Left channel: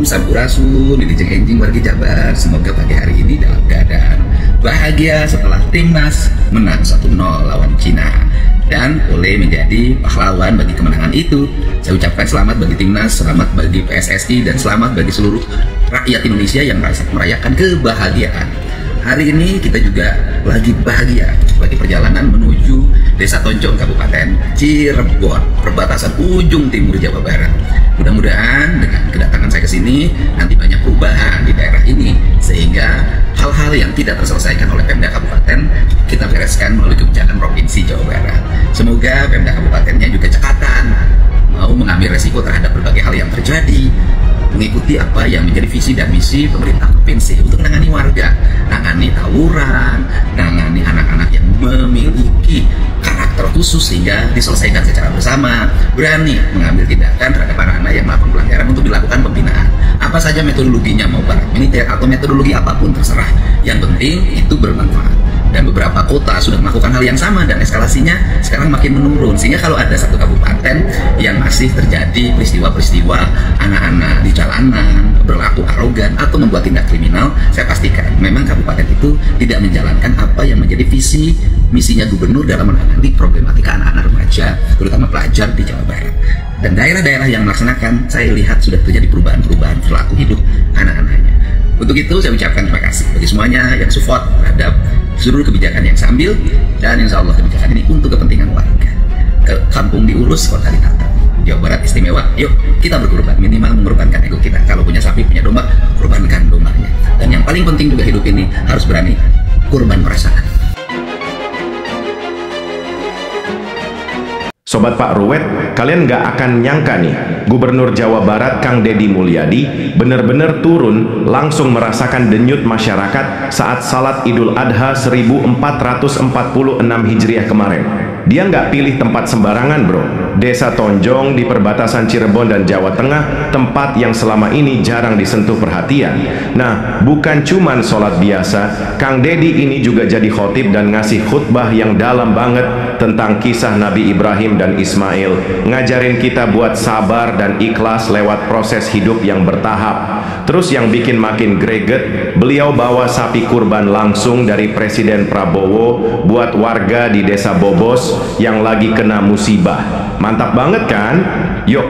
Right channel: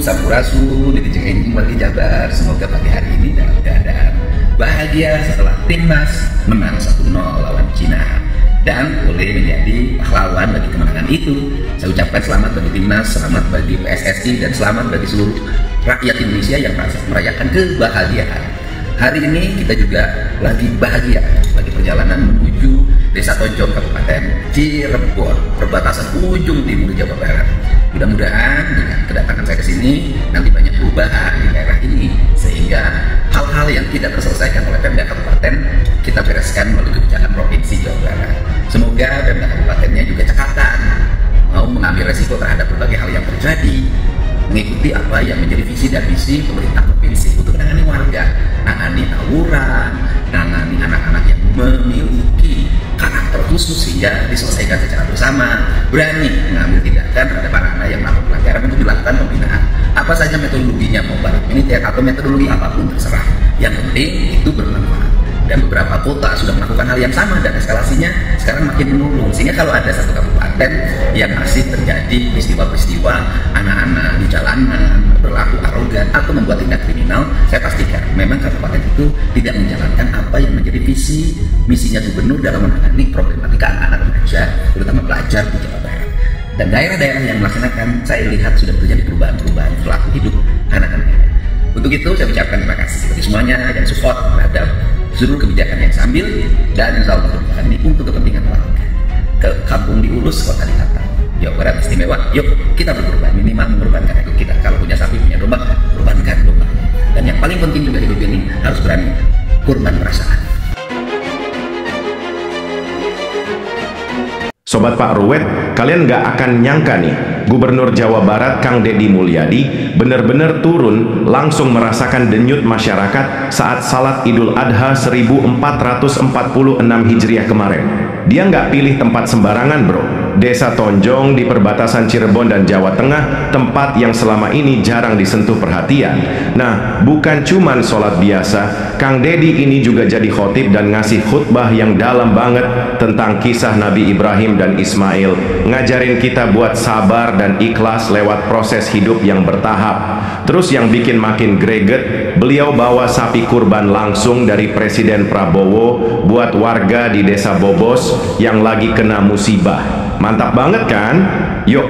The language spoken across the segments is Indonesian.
Sampurasun, Dirjen Jabar. Semoga pada hari ini dalam keadaan bahagia setelah timnas menang 1-0 lawan Cina dan boleh menjadi pahlawan bagi kemenangan itu. Saya ucapkan selamat bagi timnas, selamat bagi PSSI, dan selamat bagi seluruh rakyat Indonesia yang merayakan kebahagiaan. Hari ini kita juga lagi bahagia bagi perjalanan menuju Desa Tonjong, Kabupaten Cirebon, perbatasan ujung timur Jawa Barat. Mudah-mudahan dengan kedatangan saya sini nanti banyak perubahan di daerah ini, sehingga hal-hal yang tidak terselesaikan oleh Pemda Kabupaten kita bereskan menuju jalan provinsi Jawa Barat. Semoga Pemda Kabupaten yang juga catatan mau mengambil resiko terhadap berbagai hal yang terjadi, mengikuti apa yang menjadi visi dan misi pemerintah provinsi untuk menangani warga, menangani tawuran, menangani anak-anak yang memiliki karakter khusus sehingga diselesaikan secara bersama, berani mengambil tindakan terhadap anak-anak yang melakukan pelanggaran untuk dilakukan pembinaan. Apa saja metodologinya, mau pakai militer atau metodologi apapun terserah, yang penting itu bermanfaat. Dan beberapa kota sudah melakukan hal yang sama dan eskalasinya sekarang makin menurun. Sehingga kalau ada satu kabupaten yang masih terjadi peristiwa-peristiwa anak-anak di jalanan berlaku arogan atau membuat tindak kriminal, saya pastikan memang kabupaten itu tidak menjalankan apa yang menjadi visi misinya gubernur dalam menangani problematika anak-anak remaja, terutama pelajar di Jawa Barat. Dan daerah-daerah yang melaksanakan, saya lihat sudah terjadi perubahan-perubahan perilaku hidup anak-anak. Untuk itu saya ucapkan terima kasih bagi semuanya yang support terhadap seluruh kebijakan yang sambil, dan insya Allah kebijakan ini untuk kepentingan warga. Ke kampung diurus oleh kata Jawa Barat istimewa. Yuk kita berkorban, minimal mengorbankan itu kita. Kalau punya sapi punya rumah, korbankan rumahnya. Dan yang paling penting untuk hidup ini harus berani korban perasaan. Sobat Pak Ruwet, kalian nggak akan nyangka nih, Gubernur Jawa Barat Kang Deddy Mulyadi benar-benar turun langsung merasakan denyut masyarakat saat Salat Idul Adha 1446 Hijriah kemarin. Dia nggak pilih tempat sembarangan bro. Desa Tonjong di perbatasan Cirebon dan Jawa Tengah, tempat yang selama ini jarang disentuh perhatian. Nah, bukan cuman sholat biasa, Kang Deddy ini juga jadi khotib dan ngasih khutbah yang dalam banget tentang kisah Nabi Ibrahim dan Ismail, ngajarin kita buat sabar dan ikhlas lewat proses hidup yang bertahap. Terus yang bikin makin greget, beliau bawa sapi kurban langsung dari Presiden Prabowo buat warga di Desa Bobos yang lagi kena musibah. Mantap banget kan? Yuk,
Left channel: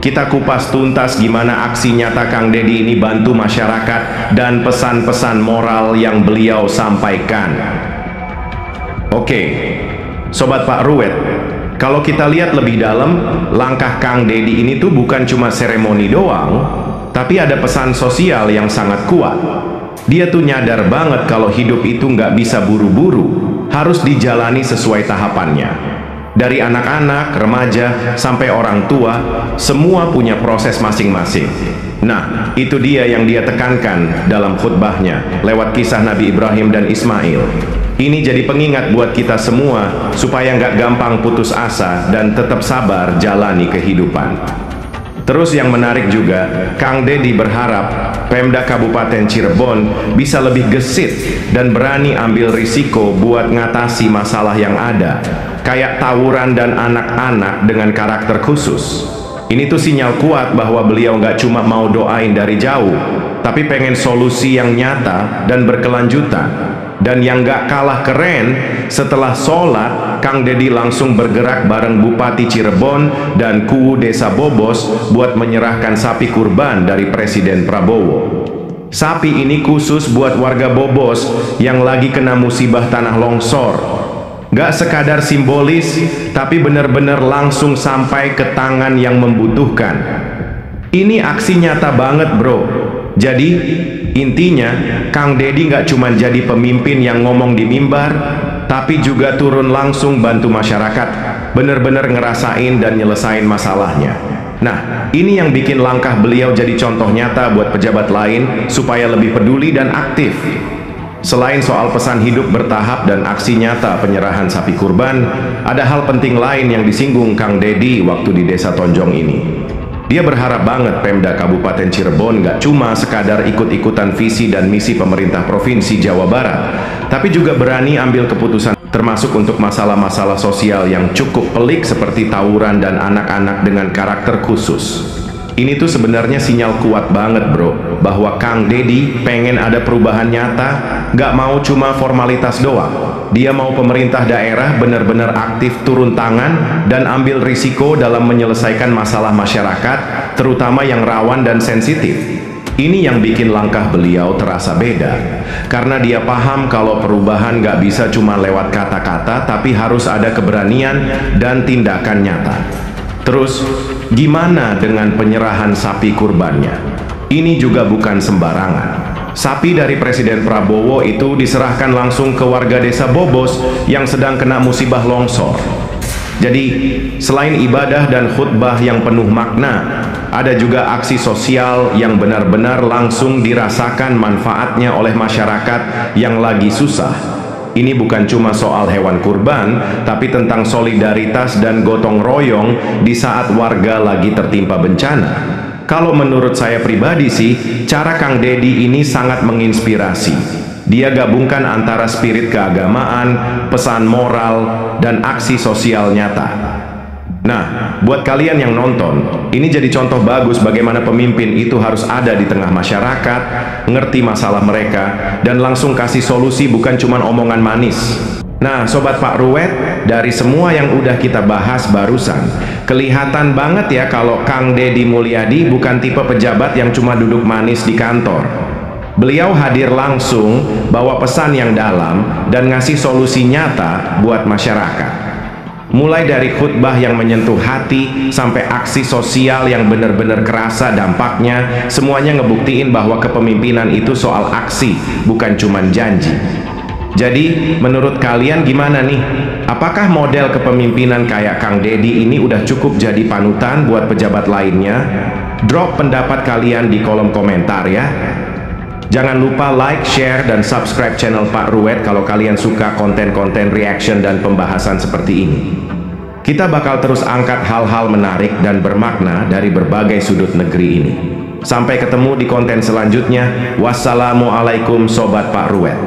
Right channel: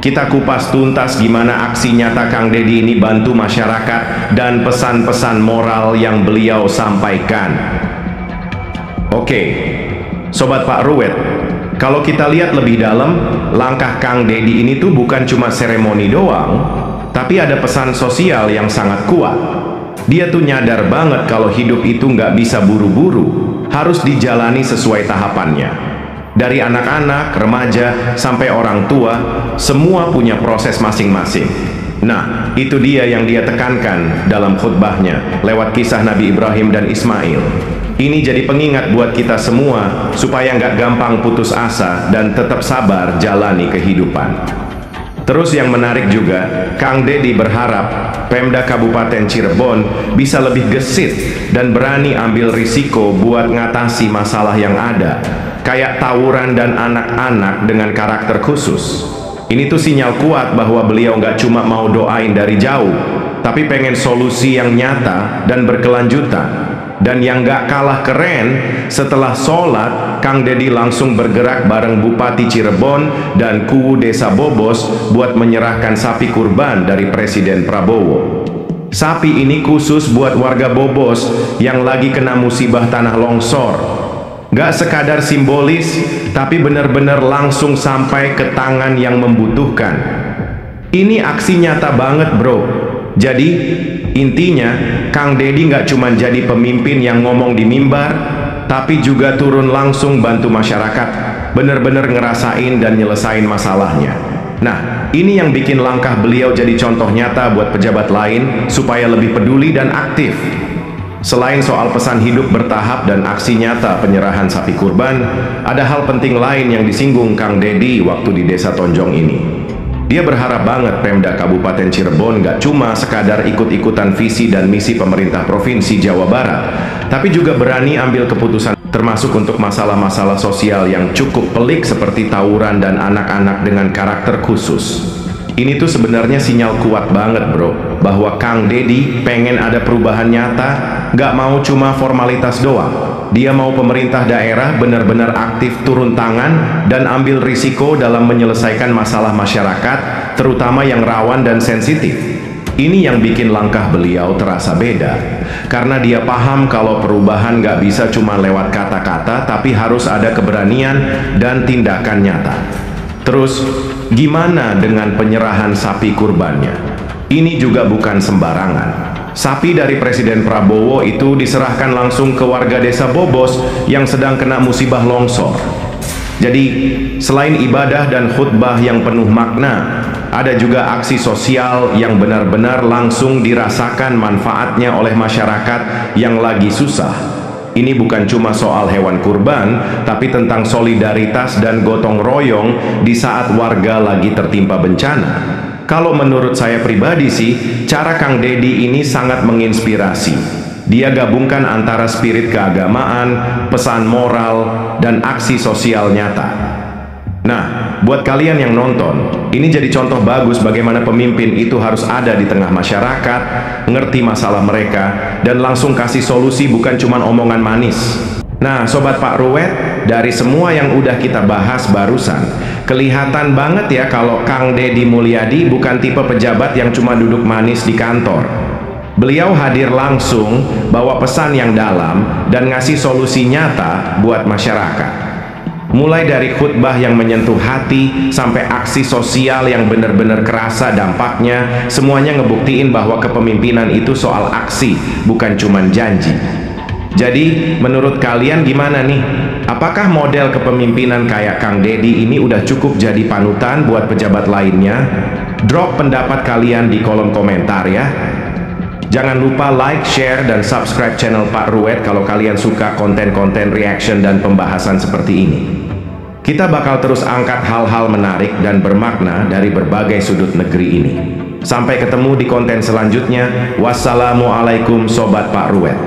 kita kupas tuntas gimana aksi nyata Kang Deddy ini bantu masyarakat dan pesan-pesan moral yang beliau sampaikan. Oke, Sobat Pak Ruwet, kalau kita lihat lebih dalam, langkah Kang Deddy ini tuh bukan cuma seremoni doang, tapi ada pesan sosial yang sangat kuat. Dia tuh nyadar banget kalau hidup itu nggak bisa buru-buru, harus dijalani sesuai tahapannya. Dari anak-anak, remaja, sampai orang tua, semua punya proses masing-masing. Nah, itu dia yang dia tekankan dalam khutbahnya, lewat kisah Nabi Ibrahim dan Ismail. Ini jadi pengingat buat kita semua, supaya nggak gampang putus asa dan tetap sabar jalani kehidupan. Terus yang menarik juga, Kang Deddy berharap Pemda Kabupaten Cirebon bisa lebih gesit dan berani ambil risiko buat ngatasi masalah yang ada, kayak tawuran dan anak-anak dengan karakter khusus. Ini tuh sinyal kuat bahwa beliau nggak cuma mau doain dari jauh, tapi pengen solusi yang nyata dan berkelanjutan. Dan yang nggak kalah keren, setelah sholat, Kang Deddy langsung bergerak bareng Bupati Cirebon dan Kuwu Desa Bobos buat menyerahkan sapi kurban dari Presiden Prabowo. Sapi ini khusus buat warga Bobos yang lagi kena musibah tanah longsor. Gak sekadar simbolis, tapi benar-benar langsung sampai ke tangan yang membutuhkan. Ini aksi nyata banget bro. Jadi, intinya, Kang Deddy gak cuma jadi pemimpin yang ngomong di mimbar, tapi juga turun langsung bantu masyarakat, benar-benar ngerasain dan nyelesain masalahnya. Nah, ini yang bikin langkah beliau jadi contoh nyata buat pejabat lain, supaya lebih peduli dan aktif. Selain soal pesan hidup bertahap dan aksi nyata penyerahan sapi kurban, ada hal penting lain yang disinggung Kang Deddy waktu di Desa Tonjong ini. Dia berharap banget Pemda Kabupaten Cirebon gak cuma sekadar ikut-ikutan visi dan misi pemerintah Provinsi Jawa Barat, tapi juga berani ambil keputusan termasuk untuk masalah-masalah sosial yang cukup pelik seperti tawuran dan anak-anak dengan karakter khusus. Ini tuh sebenarnya sinyal kuat banget bro, bahwa Kang Deddy pengen ada perubahan nyata, nggak mau cuma formalitas doang. Dia mau pemerintah daerah benar-benar aktif turun tangan dan ambil risiko dalam menyelesaikan masalah masyarakat, terutama yang rawan dan sensitif. Ini yang bikin langkah beliau terasa beda, karena dia paham kalau perubahan nggak bisa cuma lewat kata-kata, tapi harus ada keberanian dan tindakan nyata. Terus, gimana dengan penyerahan sapi kurbannya? Ini juga bukan sembarangan. Sapi dari Presiden Prabowo itu diserahkan langsung ke warga desa Bobos yang sedang kena musibah longsor. Jadi, selain ibadah dan khutbah yang penuh makna, ada juga aksi sosial yang benar-benar langsung dirasakan manfaatnya oleh masyarakat yang lagi susah. Ini bukan cuma soal hewan kurban, tapi tentang solidaritas dan gotong royong di saat warga lagi tertimpa bencana. Kalau menurut saya pribadi sih, cara Kang Deddy ini sangat menginspirasi. Dia gabungkan antara spirit keagamaan, pesan moral, dan aksi sosial nyata. Nah, buat kalian yang nonton, ini jadi contoh bagus bagaimana pemimpin itu harus ada di tengah masyarakat, ngerti masalah mereka, dan langsung kasih solusi, bukan cuma omongan manis. Nah, Sobat Pak Ruwet, dari semua yang udah kita bahas barusan, kelihatan banget ya kalau Kang Deddy Mulyadi bukan tipe pejabat yang cuma duduk manis di kantor. Beliau hadir langsung, bawa pesan yang dalam, dan ngasih solusi nyata buat masyarakat. Mulai dari khutbah yang menyentuh hati sampai aksi sosial yang benar-benar kerasa dampaknya, semuanya ngebuktiin bahwa kepemimpinan itu soal aksi, bukan cuman janji. Jadi, menurut kalian gimana nih? Apakah model kepemimpinan kayak Kang Deddy ini udah cukup jadi panutan buat pejabat lainnya? Drop pendapat kalian di kolom komentar ya. Jangan lupa like, share, dan subscribe channel Pak Ruwet kalau kalian suka konten-konten reaction dan pembahasan seperti ini. Kita bakal terus angkat hal-hal menarik dan bermakna dari berbagai sudut negeri ini. Sampai ketemu di konten selanjutnya. Wassalamualaikum Sobat Pak Ruwet.